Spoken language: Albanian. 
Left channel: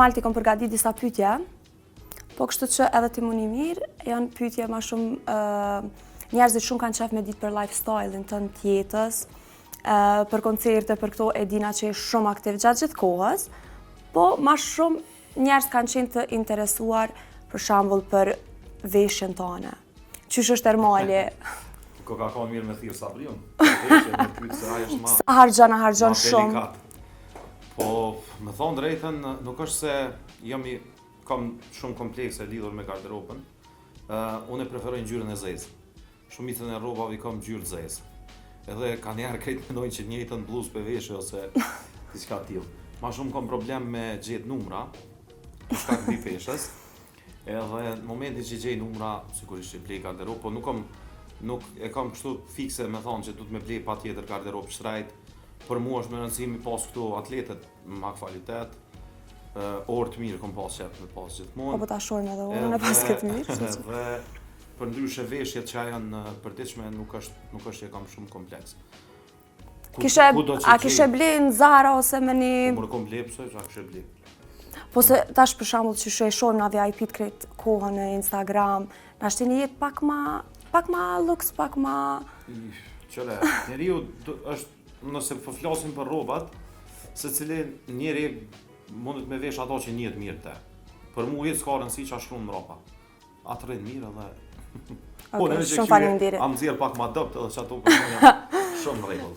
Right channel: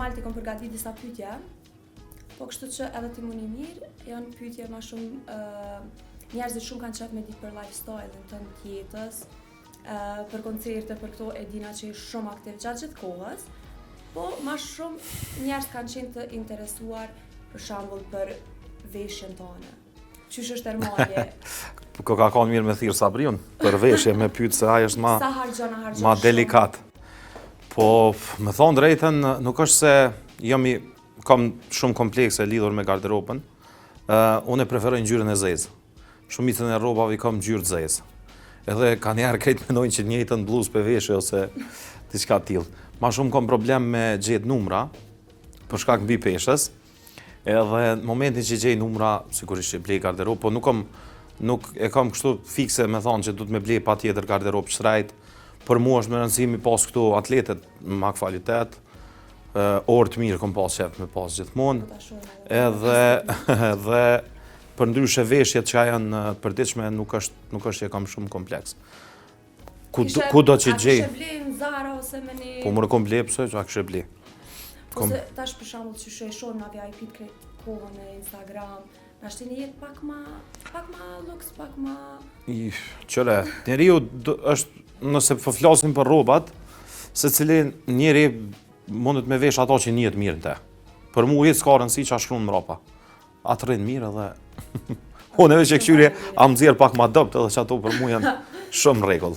normal t'i kom përgatit disa pyetje, po kështu që edhe ti muni mirë, janë pyetje ma shumë, njerëzit shumë kanë qef me ditë për lifestyle-in tënë tjetës, për koncerte, për këto e dina që e shumë aktiv gjatë gjithë kohës, po ma shumë njerëz kanë qenë të interesuar për shembull për veshjen tone. Qysh është Ermali? Ko ka qenë mirë me thirr Sabriun, për veshje me pyet se ai është Sa harxhon ma shumë. delikat. Po, me thonë drejtën, nuk është se kam shumë komplekse lidhur me garderobën. Unë e preferoj ngjyrën e zezë. Shumicën e rrobave i kam ngjyrë të zezë. Edhe ka njerë krejt menojnë që njëjtën bluzë për veshje ose diçka tillë. Ma shumë kam problem me gjetë numra, për shkak mbi peshës. Edhe në momentin që gjej numra, sigurisht që blej garderobë, po nuk e kam kështu fikse me thonë që du të me blej pa tjetër garderobë shtrajt. Për mua është me rëndësimi pas këtu atletet me kvalitet, orë të mirë kom pas qef me pas gjithmonë. Po ta shojmë edhe Edhe për ndryshe veshjet që janë përditshme nuk është që e kam shumë kompleks. A kishe blej në Zara ose me një... Po më kom blej pëse që a kishe blej. Po se tash për shembull që e shohim na VIP-t krejt kohën në Instagram, na shtini jetë pak ma luks, pak ma... Qëre, njeriu është, nëse po flasim për rrobat, secili njeri mundet me vesh ato që njihet mirë te. Për mua jetë s'ka rëndësi që ashtu në mrapa. Atë rrinë mirë edhe... Unë edhe që këshyri am nxjerr pak ma dopt edhe që ato për mua janë shumë rregull.